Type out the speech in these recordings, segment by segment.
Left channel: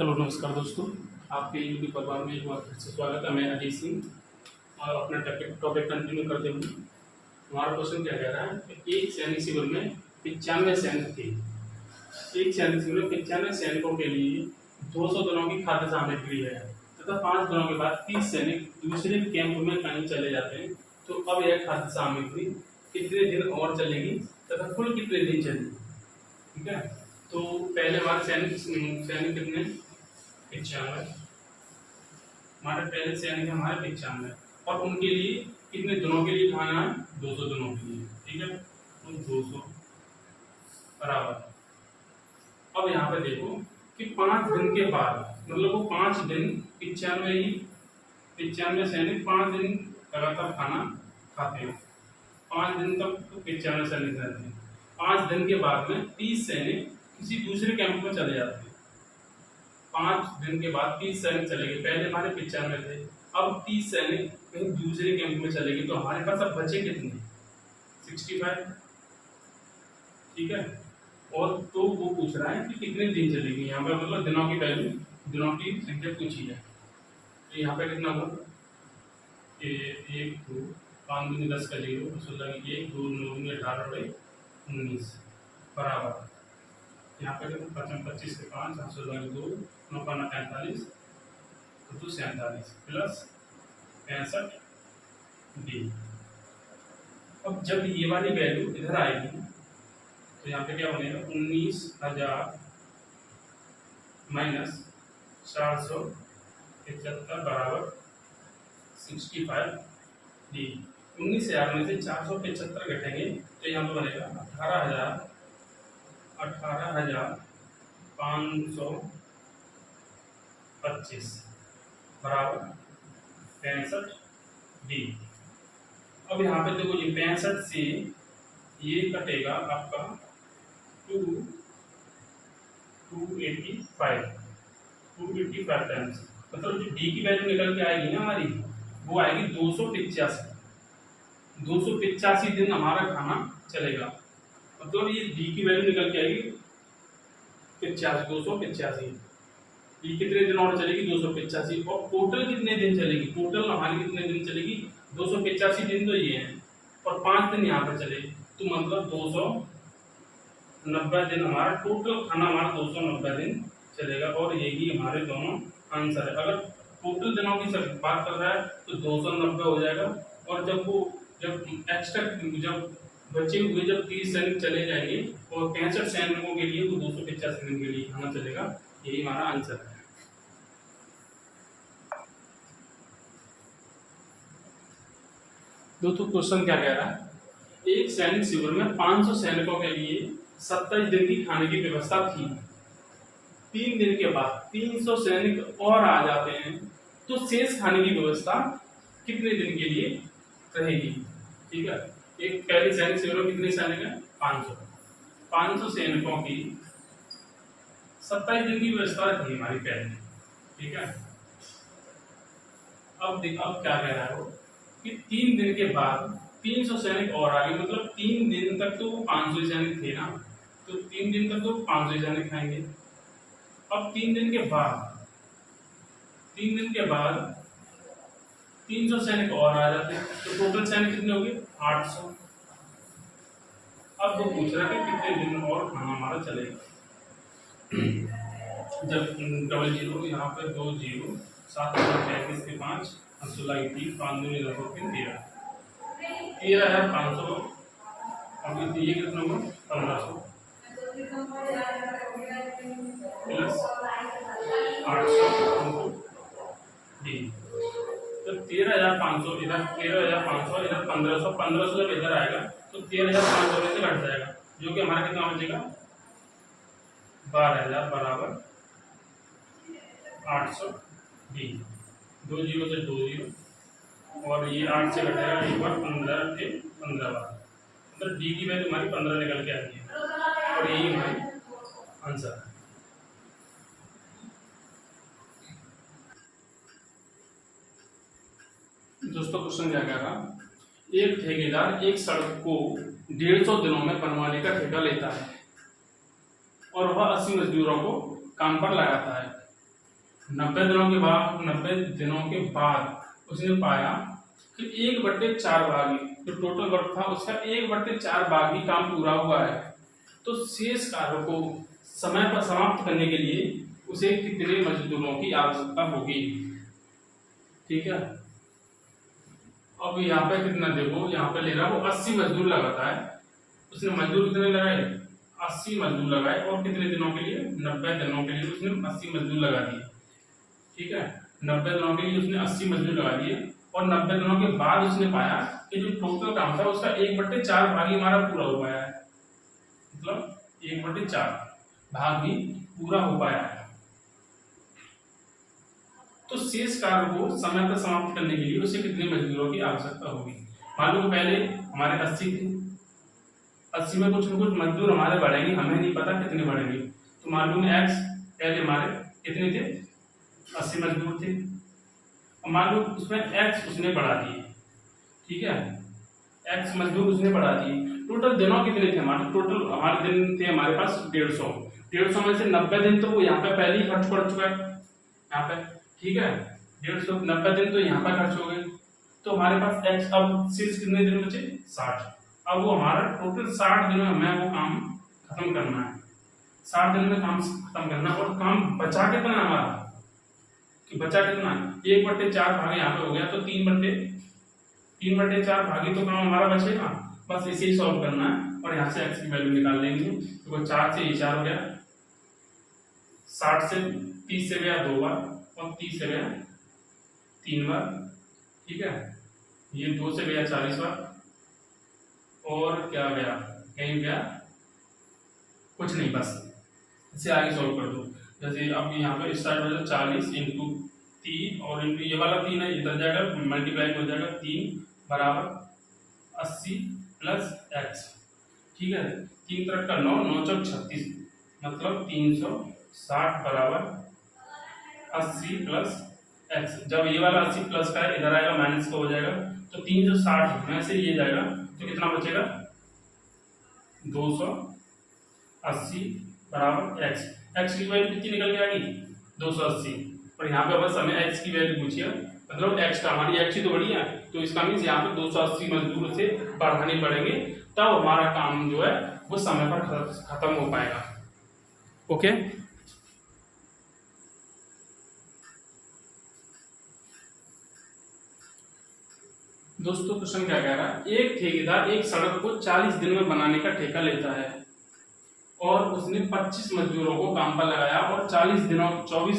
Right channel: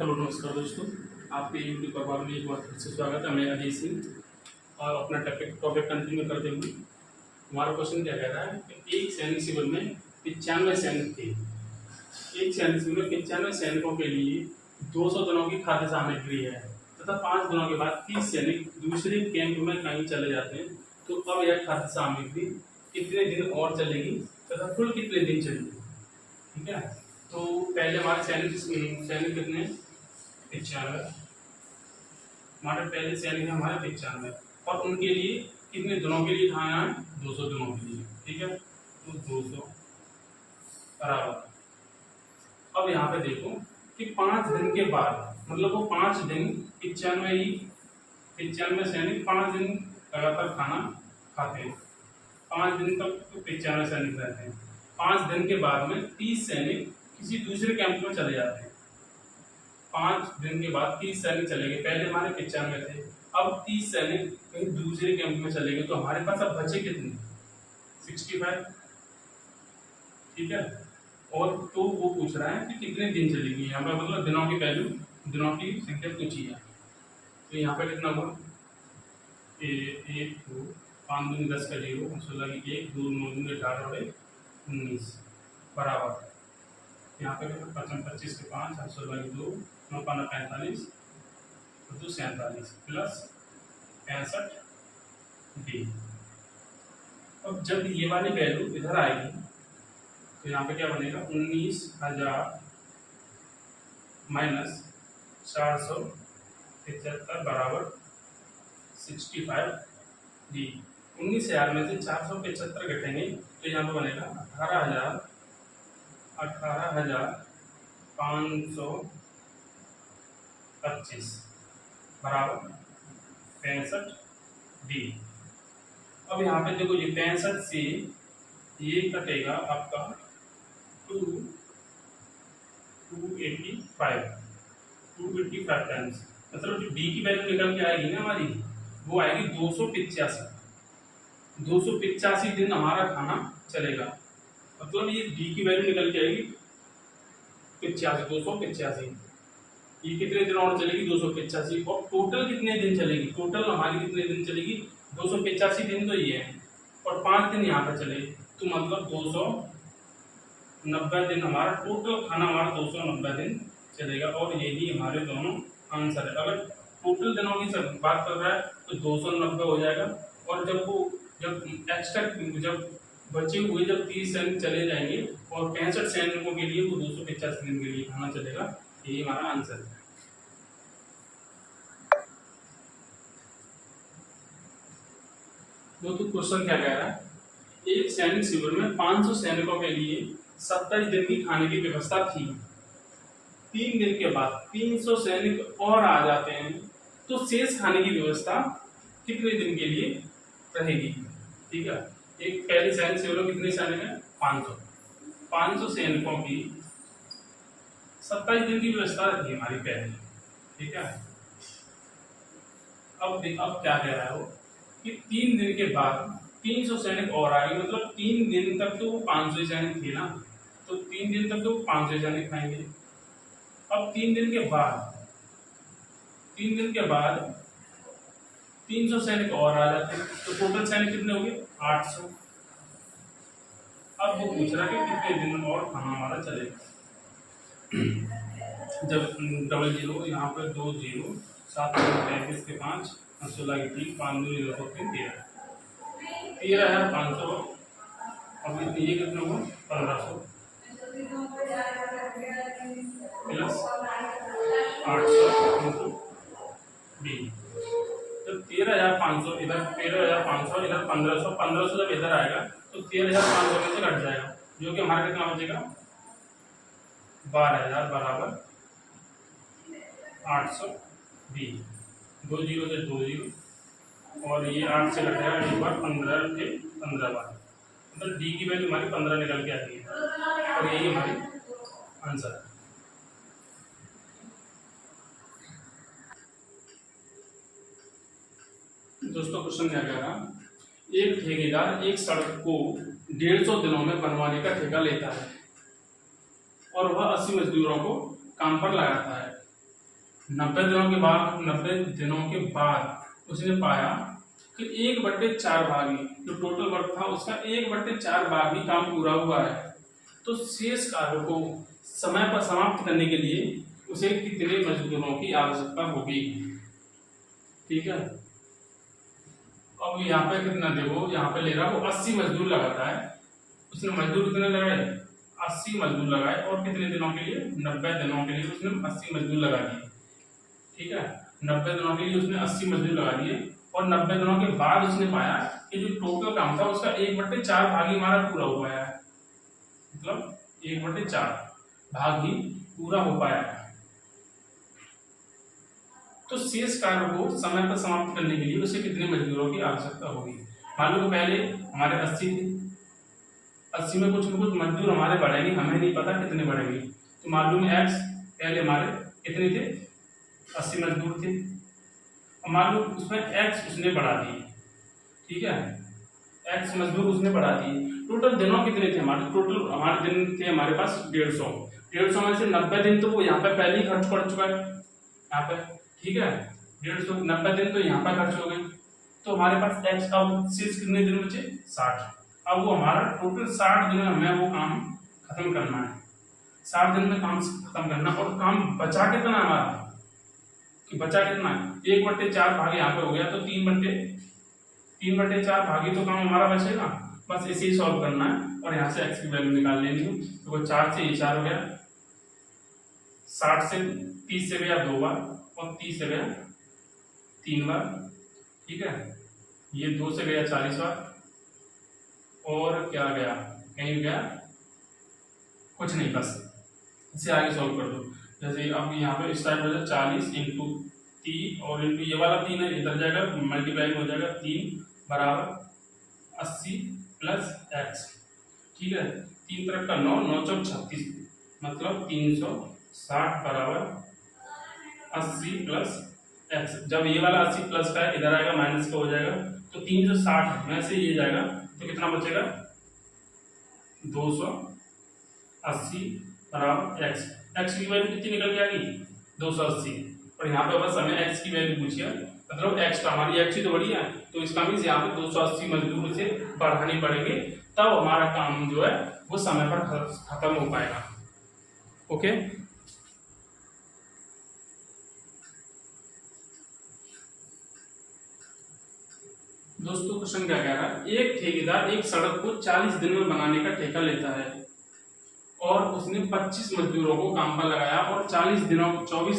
Hello नमस्कार दोस्तों, आपके यूट्यूब परिवार में एक बार फिर से स्वागत है। मैं अजय सिंह और अपना टॉपिक कंटिन्यू करते हुए हमारा क्वेश्चन क्या कह रहा है कि एक सैनिक शिविर में 95 सैनिक थे। एक सैनिक शिविर में 95 सैनिकों के लिए 200 दिनों की खाद्य सामग्री है तथा 5 दिनों के बाद 30 सैनिक दूसरे कैंप में कहीं चले जाते हैं। तो अब यह खाद्य सामग्री कितने दिन और चलेगी तथा कुल कितने दिन चलेगी। ठीक है, तो पहले हमारे सैनिक कितने 95, हमारे पहले सैनिक है हमारे 95 और उनके लिए कितने दिनों के लिए खाना है 200 दिनों के लिए। ठीक है, तो 200 बराबर। अब यहाँ पे देखो कि 5 दिन के बाद मतलब वो 5 दिन 95 सैनिक 5 दिन लगातार खाना खाते हैं। 5 दिन तक तो 95 सैनिक रहते हैं। 5 दिन के बाद में 30 सैनिक किसी दूसरे कैंप में चले जाते हैं। 5 दिन के बाद 30 सैनिक चले गए, पहले हमारे 95 थे, अब 30 सैनिक कहीं दूसरे कैंप में चले गए, तो हमारे पास अब बचे कितने 65। ठीक है, और तो वो पूछ रहा है कि कितने दिन चलेगी। यहाँ पे मतलब दिनों की वैल्यू, दिनों की संख्या पूछी है। तो यहाँ पे कितना हुआ 1 2 5 दूनी 10 का 0 16 की 1 2 9 दूनी 18 और 19 बराबर। यहाँ पे 25 के 5 16 के 2 9 5 45 2 47 प्लस 65 डी। अब जब ये वाली वैल्यू इधर आएगी तो यहाँ पे क्या बनेगा 19,000 माइनस 475 बराबर 65 डी। 19,000 में से 475 घटेंगे तो यहाँ पे बनेगा 18,525 बराबर 65 डी। अब यहाँ पे देखो ये 65 से ये कटेगा आपका 285 टाइम्स, मतलब जो डी की वैल्यू निकल के आएगी ना हमारी वो आएगी 285 दिन हमारा खाना चलेगा। मतलब ये डी की वैल्यू निकल के आएगी 285। ये कितने दिन और चलेगी 285 और टोटल कितने दिन चलेगी, टोटल हमारी कितने दिन चलेगी 285 दिन तो ये है और 5 दिन यहाँ पर चले तो मतलब 290 दिन हमारा टोटल खाना हमारा 290 दिन चलेगा। और यही हमारे दोनों आंसर है। अगर टोटल दिनों की बात कर रहा है तो 290 हो जाएगा और जब एक्स्ट्रा जब बचे हुए जब 30 सैनिक चले जाएंगे और 65 सैनिकों के लिए वो 285 दिन के लिए खाना चलेगा। यही हमारा आंसर है। दोस्तों क्वेश्चन क्या कह रहा है, एक सैनिक शिविर में 500 सैनिकों के लिए 27 दिन की खाने की व्यवस्था थी। 3 दिन के बाद 300 सैनिक और आ जाते हैं तो शेष खाने की व्यवस्था कितने दिन के लिए रहेगी। ठीक है, एक पहले सैनिक शिविर में कितने सैनिक है 500 सैनिकों की 27 दिन की व्यवस्था रखी हमारी पहले। ठीक है, अब क्या कह रहा है वो कि 3 दिन के बाद 300 सैनिक और आ गए, मतलब 3 दिन तक तो वो 500 सैनिक थे ना, तो 3 दिन तक तो 500 सैनिक खाएंगे। अब 3 दिन के बाद 300 सैनिक और आ जाते हैं तो टोटल सैनिक कितने हो गए 800। अब वो पूछ रहा है कि कितने दिन और खाना हमारा चलेगा। जब डबल जीरो यहाँ पे 2 0 7 35 के 5 16 की 3 5 2 13,500 और ये कितना हुआ 1500 प्लस 800 डी। तो 13,500 इधर 13,500 इधर 1500 जब इधर आएगा तो 13,500 में से घट जाएगा जो कि हमारा कितना बचेगा 12,000 बराबर 800 डी। 2 0 से 2 0 और ये 8 से घट जाएगा एक बार 15 के 15 बार, मतलब डी की वैल्यू हमारी 15 निकल के आती है और यही हमारी आंसर है। दोस्तों क्वेश्चन क्या कह रहा, एक ठेकेदार एक सड़क को 150 दिनों में बनवाने का ठेका लेता है और वह 80 मजदूरों को काम पर लगाता है। 90 दिनों के बाद उसने पाया कि 1/4 भागी जो टोटल वर्क था उसका 1/4 भागी काम पूरा हुआ है। तो शेष कार्य को समय पर समाप्त करने के लिए उसे कितने मजदूरों की आवश्यकता होगी। ठीक है, अब यहाँ पे कितना देखो, यहाँ पे ले रहा वो 80 मजदूर लगाता है। उसने मजदूर कितने लगाए, 80 मजदूर लगाए, और कितने दिनों के लिए, 90 दिनों के लिए उसने 80 मजदूर लगा दिए। ठीक है, 90 दिनों के लिए उसने 80 मजदूर लगा दिए, और 90 दिनों के बाद उसने पाया कि जो टोटल काम था उसका 1/4 भाग ही हमारा पूरा हो पाया है, मतलब 1/4 भाग ही पूरा हो पाया है। तो शेष कार्य को समय पर समाप्त करने के लिए उसे कितने मजदूरों की आवश्यकता होगी। मान लो पहले हमारे 80 थे, 80 में कुछ न कुछ मजदूर हमारे बढ़ेंगे, हमें नहीं पता कितने बढ़ेंगे। तो मालूम है एक्स पहले हमारे कितने थे, 80 मजदूर थे, और मालूम उसमें एक्स उसने बढ़ा दिए। ठीक है, एक्स मजदूर उसने बढ़ा दिए। टोटल दिनों कितने थे हमारे, टोटल हमारे दिन थे हमारे पास 150 में से 90 दिन तो वो यहाँ पे पहले ही खर्च कर चुका है यहाँ पे। ठीक है, 190 दिन तो यहाँ पर खर्च हो गए। तो हमारे पास एक्स अब शेष कितने दिन बचे, 60। अब वो हमारा टोटल 60 दिन में हमें वो काम खत्म करना है, 60 दिन में काम खत्म करना। और काम बचा कितना है हमारा, कि बचा कितना है, 1/4 भाग यहाँ पे हो गया, तो 3/4 भागी तो काम हमारा बचेगा। बस इसे ही सॉल्व करना है, और यहाँ से एक्स की वैल्यू निकाल लेनी है। तो 4 से ये 4 हो गया, 60 से 30 से गया 2 बार, और 30 से गया 3 बार। ठीक है, ये 2 से गया 40 बार, और क्या गया, कहीं गया कुछ नहीं, बस इसे आगे सॉल्व कर दो। जैसे अब यहाँ पे स्टार्ट हो जाए 40 इंटू 3, और इंटू ये वाला 3 है इधर जाएगा, मल्टीप्लाई हो जाएगा 3 बराबर 80 प्लस एक्स। ठीक है, 3 तरफ का 9, 9 चौक 36, मतलब 360 बराबर 80 प्लस एक्स। जब ये वाला 80 प्लस का है इधर आएगा माइनस का हो जाएगा, तो 360 में से ये जाएगा तो कितना बचेगा, 280 बराबर एक्स। एक्स की वैल्यू कितनी निकल के आएगी, 280। और यहाँ पे बस हमें एक्स की वैल्यू पूछी है, मतलब एक्स का, हमारी एक्स ही तो बड़ी है, तो इसका मीन्स यहाँ पे 280 मजदूर से बढ़ाने पड़ेंगे, तब हमारा काम जो है वो समय पर खत्म हो पाएगा। ओके, दोस्तों क्वेश्चन क्या कह रहा है, एक ठेकेदार एक सड़क को 40 दिन में बनाने का ठेका लेता है, और उसने 25 मजदूरों को काम पर लगाया, और 24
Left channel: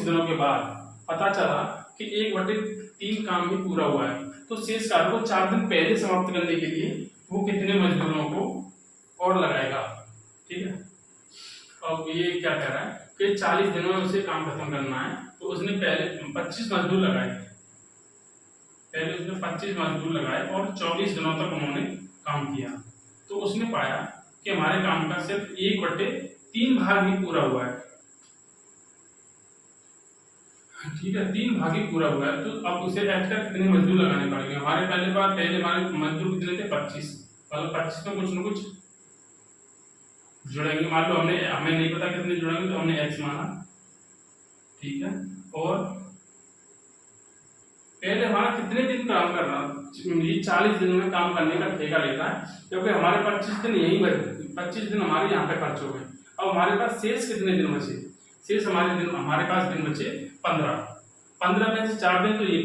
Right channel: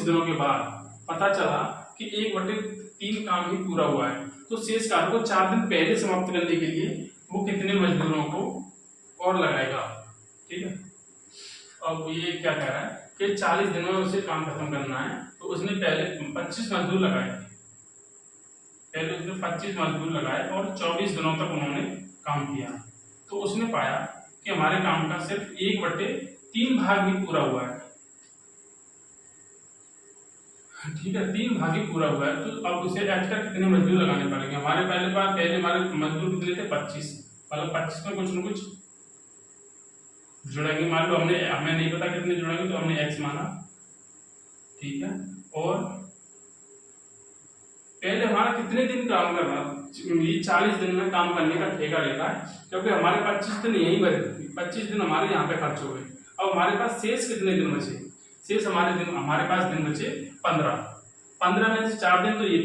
दिनों के बाद पता चला कि 1/3 काम ही पूरा हुआ है। तो शेष कार्य को 4 दिन पहले समाप्त करने के लिए वो कितने मजदूरों को और लगाएगा। ठीक है, अब ये क्या कह रहा है कि 40 दिनों में उसे काम खत्म करना है, तो उसने पहले 25 मजदूर लगाए, पहले उसने 25 मजदूर लगाए, और 24 दिनों तक उन्होंने काम किया। तो उसने पाया कि हमारे काम का सिर्फ 1/3 भाग ही पूरा हुआ है। ठीक है, 3 भाग ही पूरा हुआ है। तो अब उसे एक्स्ट्रा कितने मजदूर लगाने पड़ेंगे, हमारे पहले हमारे मजदूर कितने थे, 25, मतलब 25 में कुछ न कुछ जुड़ेंगे। मान लो हमें नहीं पता कितने जुड़ेंगे, तो हमने एक्स माना। ठीक है, और पहले हमारा कितने दिन काम करना, ये 40 दिन में काम करने का ठेका लेता है, क्योंकि हमारे 25 दिन यही बचे, 25 दिन हमारे यहाँ पे खर्च हो गए। अब हमारे पास शेष कितने दिन बचे, शेष हमारे पास दिन बचे 15 में से 4 दिन तो ये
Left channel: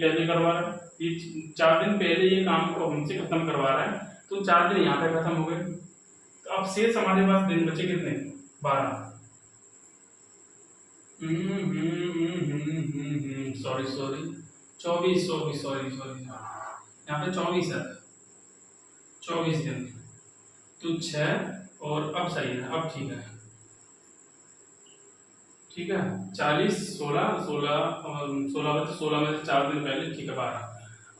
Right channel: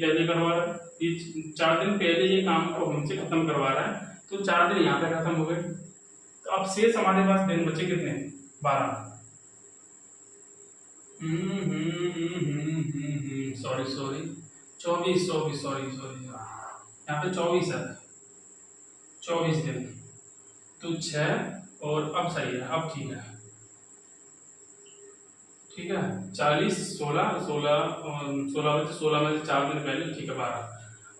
पहले करवा रहा है, ये 4 दिन पहले ये काम को हमसे खत्म करवा रहा है, तो 4 दिन यहाँ पे खत्म हो गए। तो अब शेष हमारे पास दिन बचे कितने, 12। सॉरी 24 यहाँ पे 24 है, 24 दिन, तो 6, और अब सही है, अब ठीक है। ठीक है, 40 16 में से 4 दिन पहले, ठीक है 12।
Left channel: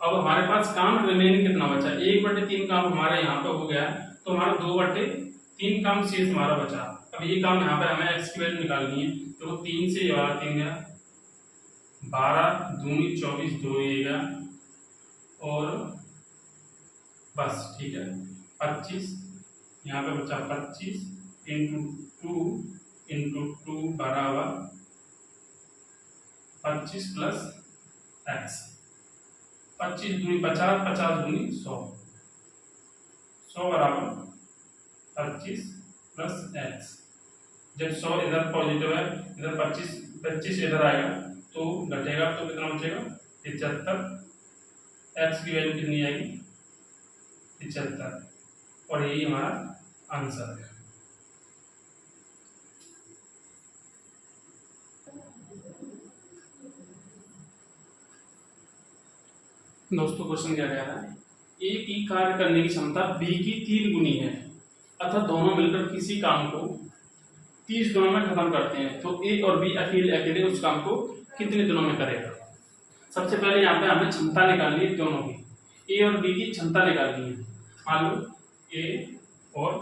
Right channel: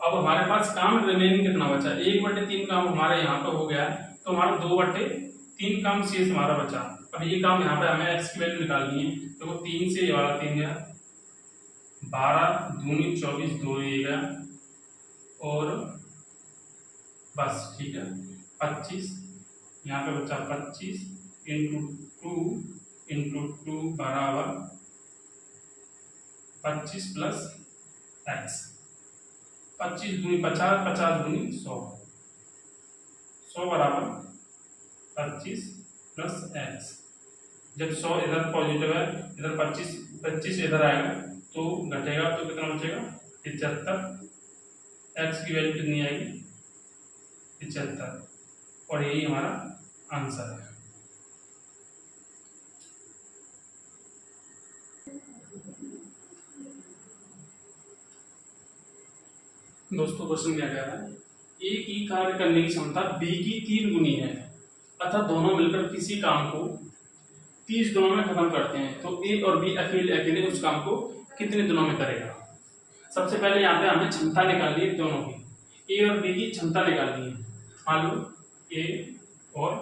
अब हमारे पास काम रिमेनिंग कितना बचा, 1/3 काम हमारे यहाँ पे हो गया, तो हमारा 2/3 काम शेष हमारा बचा। अब ये काम यहाँ पे हमें एक्स की वैल्यू निकालनी है, तो 3 से ये वाला 3 गया, 12 दूनी 24, 2 ये गया, और बस ठीक है 25, यहाँ पे बचा 25 इंटू 2 बराबर 25 प्लस एक्स, 25 दूनी 50, 50 दूनी 100, 100 बराबर 25 प्लस एक्स। जब 100 इधर पॉजिटिव है, इधर 25 25 इधर आएगा तो घटेगा, तो कितना बचेगा 75। एक्स की वैल्यू कितनी आएगी 75, और यही हमारा आंसर है। दोस्तों क्वेश्चन क्या कह रहा है, ए की कार्य करने की क्षमता बी की 3 गुनी है, अतः दोनों मिलकर किसी काम को 30 दिनों में खत्म करते हैं, तो ए और बी अकेले अकेले उस काम को कितने दिनों में करेगा। सबसे पहले यहाँ पे हमें क्षमता निकालनी है दोनों की, ए और बी की क्षमता निकालनी है। मान लो ए और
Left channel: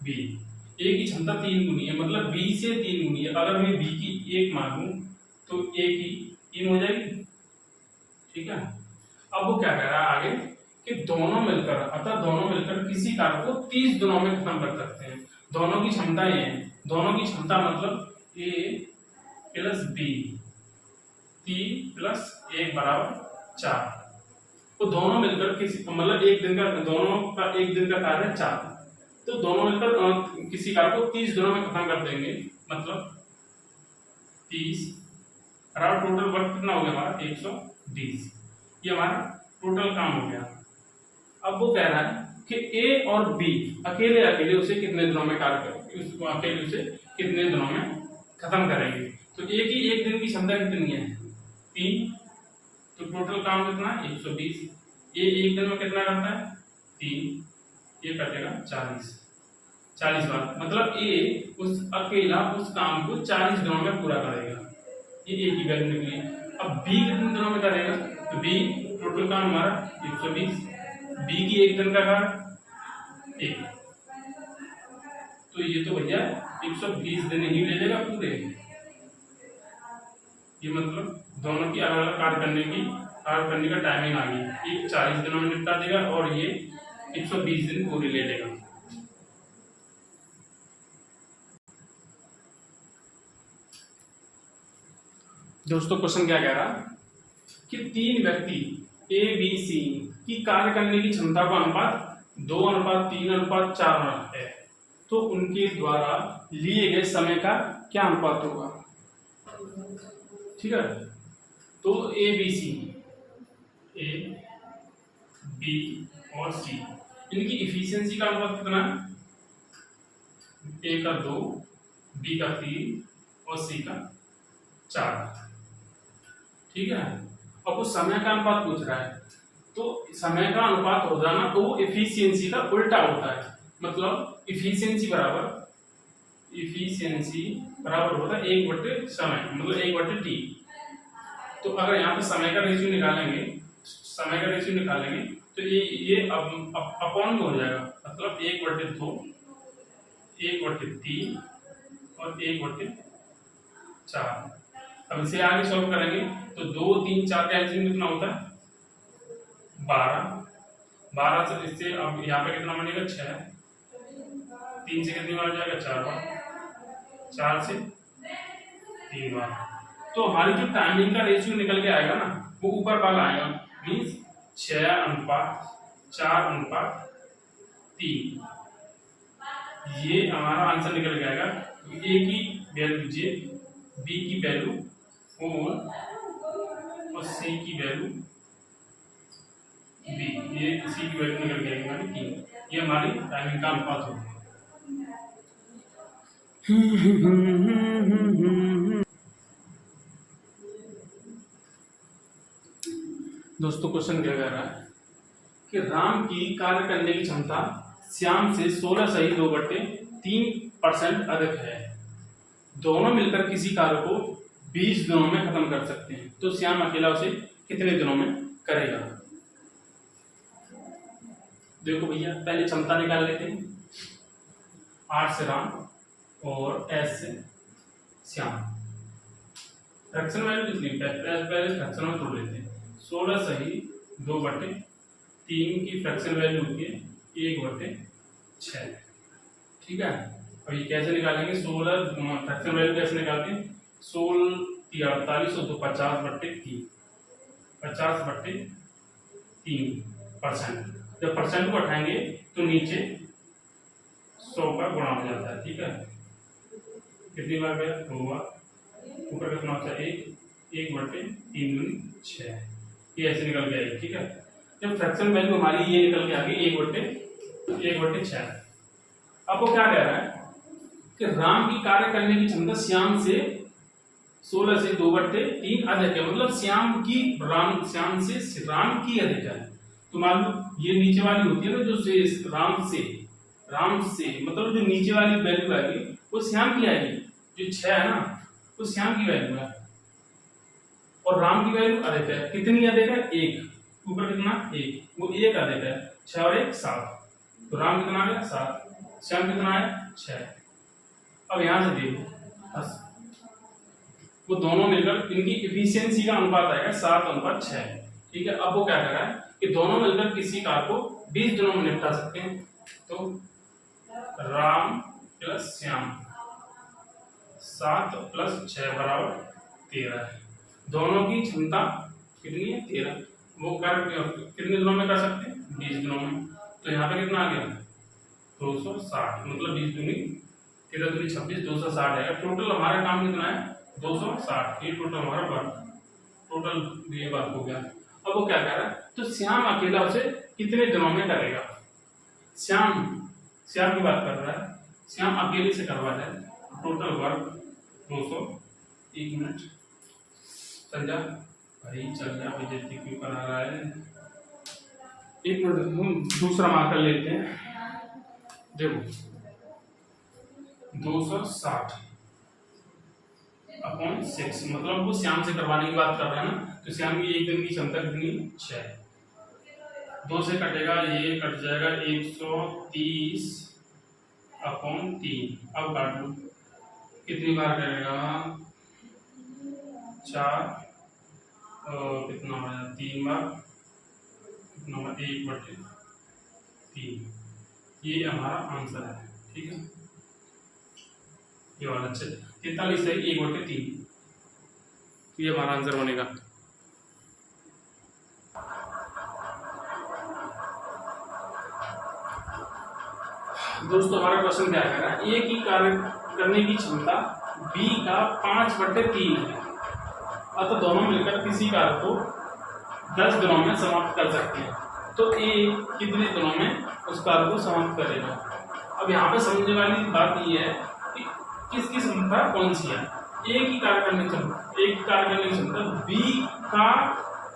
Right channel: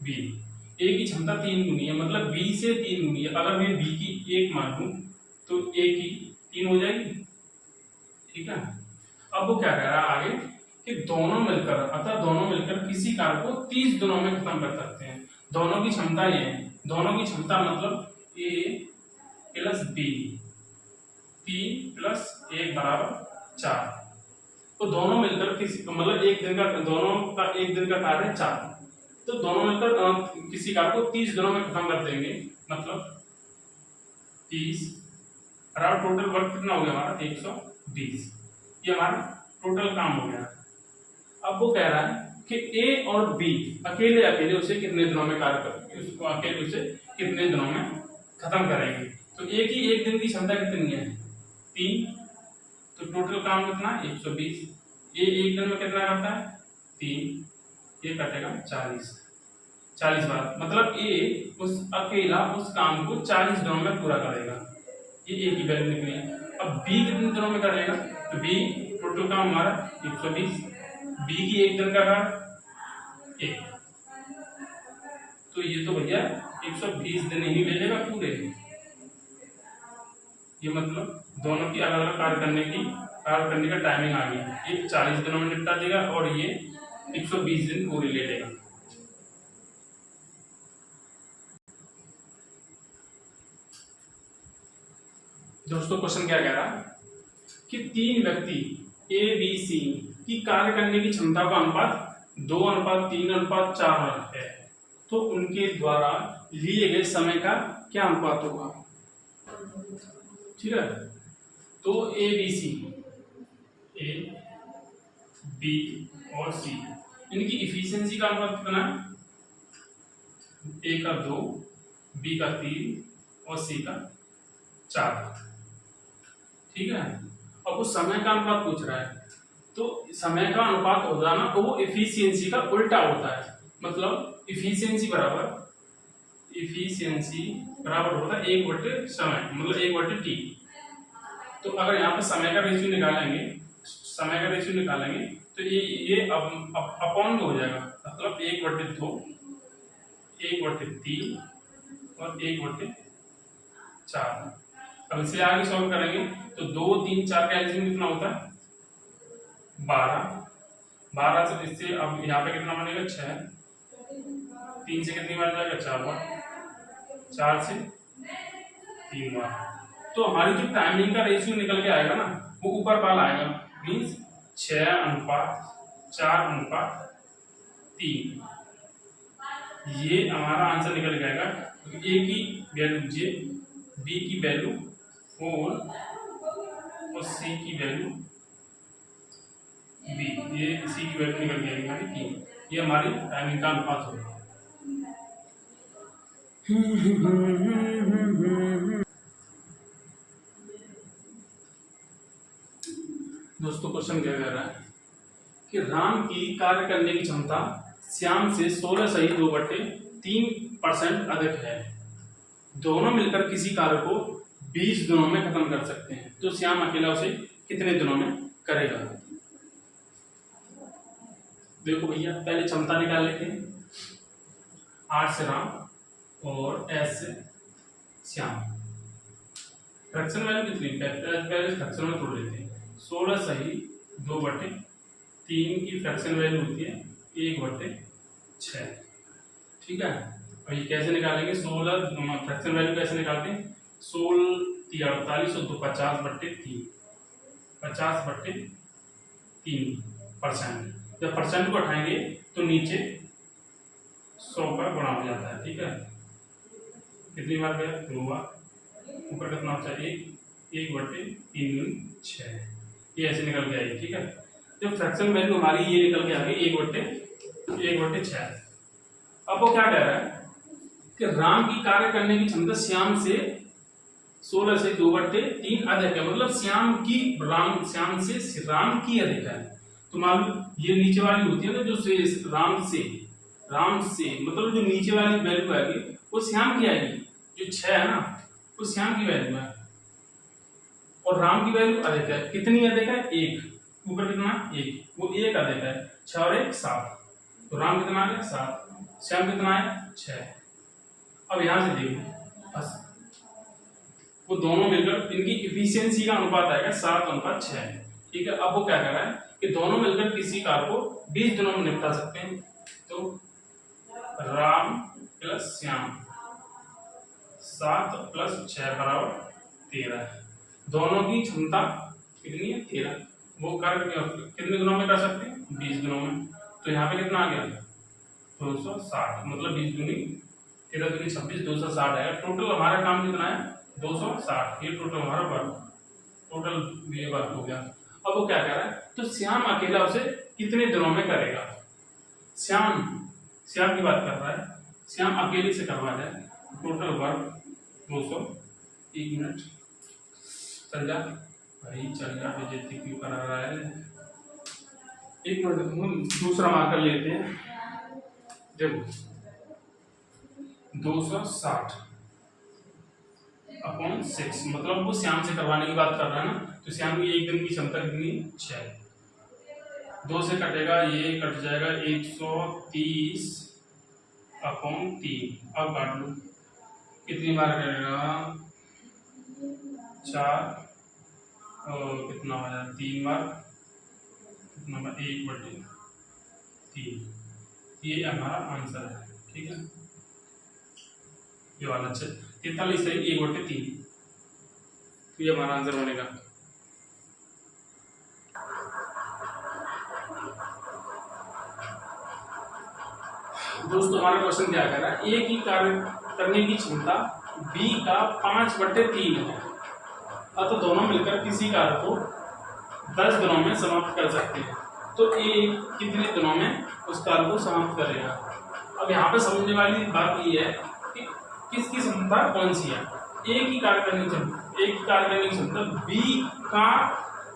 बी, ए की क्षमता 3 गुनी है, मतलब बी से 3 गुनी है। अगर मैं बी की 1 मान लूं तो ए की 3 हो जाएगी, ठीक है। अब वो क्या कह रहा है आगे कि दोनों मिलकर, अतः दोनों मिलकर किसी कार्य को 30 दिनों में खत्म कर सकते हैं। दोनों की क्षमता ये है, दोनों की क्षमता मतलब ए प्लस बी, 3 प्लस 1 बराबर 4। तो दोनों मिलकर किसी, मतलब एक दिन का, दोनों का एक दिन का कार्य है 4, तो दोनों मिलकर किसी कार्य को 30 दिनों में खत्म कर देंगे, मतलब 30 बराबर टोटल वर्क कितना हो गया हमारा 120। ये हमारा टोटल काम हो गया। अब वो कह रहा है कि ए और बी अकेले अकेले उसे कितने दिनों में कार्य कर, उसको अकेले उसे कितने दिनों में खत्म करेंगे। तो ए की एक दिन की क्षमता कितनी है 3, तो टोटल काम कितना है 120। ये एक दिन में कितना करता है 3, ये कटेगा 40 बार, मतलब ए उस अकेला उस काम को 40 दिनों में पूरा करेगा। ये ए की वैल्यू निकली। अब बी कितने दिनों में करेगा, तो बी टोटल काम हमारा 120, बी की एक दिन का काम 1, तो ये तो भैया 120 दिन ही ले लेगा पूरे। ये मतलब दोनों की अलग अलग कार्य करने का टाइमिंग आ गई। ये 40 दिनों में निपटा देगा और ये 120 दिन पूरी ले लेगा। दोस्तों क्वेश्चन क्या कह रहा कि 3 व्यक्ति ए बी सी की कार्य करने की क्षमता का अनुपात 2:3:4 है, तो उनके द्वारा लिए गए समय का क्या अनुपात होगा। ठीक है, तो ए बी और सी, इनकी इफिशियंसी का अनुपात कितना है, ए का 2, बी का 3 और सी का 4। ठीक है, अब वो समय का अनुपात पूछ रहा है, तो समय का अनुपात हो जाना तो वो इफिशियंसी का उल्टा होता है। मतलब इफिशियंसी बराबर होता है 1/समय, मतलब 1/t। तो अगर यहाँ पे समय का रेशियो निकालेंगे तो ये अपॉन हो जाएगा, मतलब 1/2, 1/3 और 1/4। अब इसे आगे सॉल्व करेंगे तो 2, 3, 4 का एलसीएम कितना होता है 12 से इससे अब यहाँ पे कितना बनेगा 6, 3 से कितनी बार जाएगा 4 बार, 4 से 3 बार। तो हमारी जो टाइमिंग का रेशियो निकल के आएगा ना वो ऊपर वाला आएगा, मीन्स 6:4:3। ये हमारा आंसर निकल के आएगा। ए की वैल्यू जे, बी की वैल्यू 4 और सी की वैल्यू बी, ये सी की वैल्यू निकल गई हमारी 3। ये हमारी टाइमिंग का अनुपात होगा। दोस्तों क्वेश्चन क्या कह रहा है कि राम की कार्य करने की क्षमता श्याम से 16.2/3% अधिक है, दोनों मिलकर किसी कार्य को 20 दिनों में खत्म कर सकते हैं, तो श्याम अकेला उसे कितने दिनों में करेगा। देखो भैया पहले क्षमता निकाल लेते हैं, 8 से राम और एस से श्याम। फ्रैक्शन वैल्यू कितनी, पहले फ्रैक्शन में तोड़ लेते हैं। 16:2/3 की फ्रैक्शन वैल्यू होती है 1/6। ठीक है, अब ये कैसे निकालेंगे, 16 फ्रैक्शन वैल्यू कैसे निकालते हैं, 48 और 2 50/3, 50/3%। जब परसेंट को उठाएंगे तो नीचे 100 का गुणा हो जाता है, ठीक है। कितनी बार गया? 2 बार। ऊपर कितना बचा? 1/3 6, ये ऐसे निकल के आएगी, ठीक है। जब फ्रैक्शन वैल्यू हमारी ये निकल के आ गई 1/6। अब वो क्या कह रहा है कि राम की कार्य करने की क्षमता श्याम से 16 से 2/3 अधिक है, मतलब श्याम से राम की अधिक है। तो मान लो ये नीचे वाली होती है ना, जो से राम से मतलब जो नीचे वाली वैल्यू आएगी वो श्याम की आएगी, जो 6 है ना वो श्याम की वैल्यू है, और राम की वैल्यू अधिक है। कितनी अधिक है? 1। ऊपर कितना? 1, वो 1 अधिक है। 6 और 1 7, तो राम कितना आ गया? 7। श्याम कितना है? 6। अब यहां से देखो बस, वो दोनों मिलकर इनकी इफिशियंसी का अनुपात आएगा 7:6, ठीक है। अब वो क्या कह रहा है कि दोनों मिलकर किसी कार को 20 दिनों में निपटा सकते हैं। तो राम प्लस श्याम 7 + 6 = 13। दोनों की क्षमता कितनी है? 13। वो कार्य कितने दिनों में कर सकते हैं? 20 दिनों में। तो यहाँ पे कितना आ गया? 260, मतलब 20 दूनी 13 दूनी 26, 260 है। टोटल हमारा काम कितना है? 260। ये टोटल हमारा वर्क, टोटल ये वर्क हो गया। अब वो क्या कह रहा है? तो श्याम अकेला उसे कितने दिनों में करेगा? श्याम की बात कर रहा है, श्याम अकेले से करवा रहा है। Total work 200। 1 मिनट चल जा भाई, चल जा, बेइज्जती क्यों करा रहा है? 1 मिनट हम दूसरा मार्कर लेते हैं। देखो 260/6, मतलब वो श्याम से करवाने की बात कर रहा है ना, तो श्याम की एक दिन की क्षमता कितनी? 6। 2 से कटेगा, ये कट जाएगा 130/3। अब काट लो, कितनी बार करेगा? 4 और कितना हो जाएगा? 3 बार। कितना? 1/3। ये हमारा आंसर है, ठीक है। ये वाला 43 है, 1/3। ये हमारा आंसर बनेगा। दोस्तों हमारा क्वेश्चन क्या कह रहा है? ए की कार्य करने की क्षमता बी का 5/3 है, अतः दोनों मिलकर किसी कार्य को 10 दिनों में समाप्त कर सकते हैं। तो ए कितने दिनों में उस कार्य को समाप्त करेगा? अब यहाँ पे समझने वाली बात ये है कि किसकी क्षमता कौन सी है। ए की कार्य करने की क्षमता बी का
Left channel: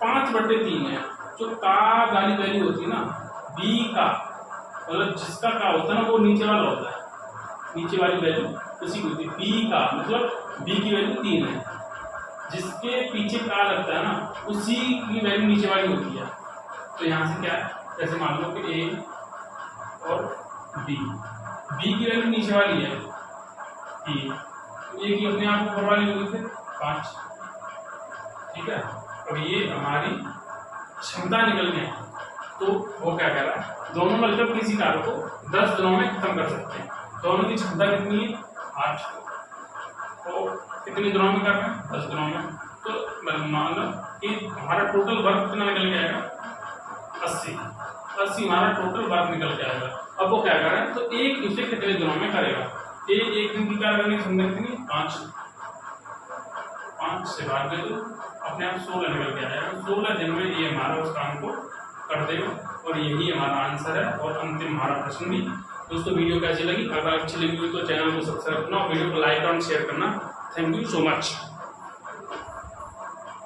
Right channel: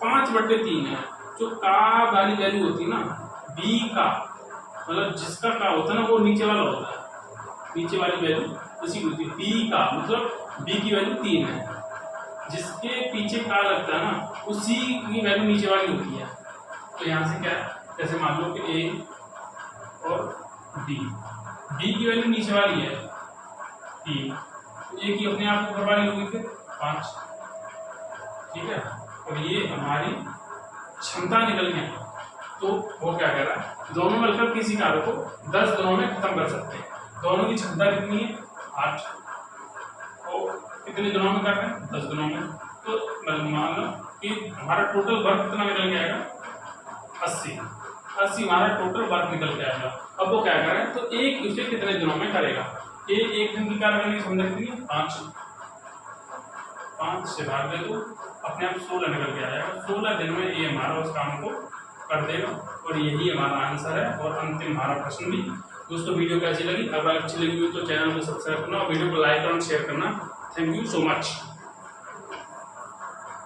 5/3 है। जो का वाली वैल्यू होती है ना, बी का मतलब जिसका का होता है ना, वो नीचे वाला होता है, नीचे वाली वैल्यू उसी की होती है। बी का मतलब बी की वैल्यू 3 है, जिसके पीछे का लगता है ना उसी की वैल्यू नीचे वाली होती है। तो यहाँ से क्या है, जैसे मान लो कि ए और बी की वैल्यू नीचे वाली है 3, ए की अपने आप ऊपर वाली होगी फिर 5, ठीक है। अब ये हमारी क्षमता निकल गई। तो वो क्या कह रहा है? दोनों मिलकर किसी कार्य को 10 दिनों में खत्म कर सकते हैं। दोनों की क्षमता कितनी है? 8। तो कितने दिनों में कर रहे हैं? 10 दिनों में। तो मान लो कि हमारा टोटल वर्क कितना निकल के आएगा? 80 हमारा टोटल वर्क निकल के आएगा। अब वो क्या कर रहा है? तो एक उसे कितने दिनों में करेगा? एक दिन की कार्य करने की क्षमता कितनी है? 5 से भाग दे दो, अपने आप 16 निकल के आएगा। 16 दिन में ये हमारा उस काम को कर देगा, और यही हमारा आंसर है और अंतिम हमारा प्रश्न भी। दोस्तों वीडियो कैसी लगी? अगर अच्छी लगी हुई तो चैनल को सब्सक्राइब करना और वीडियो को लाइक और शेयर करना। Thank you so much.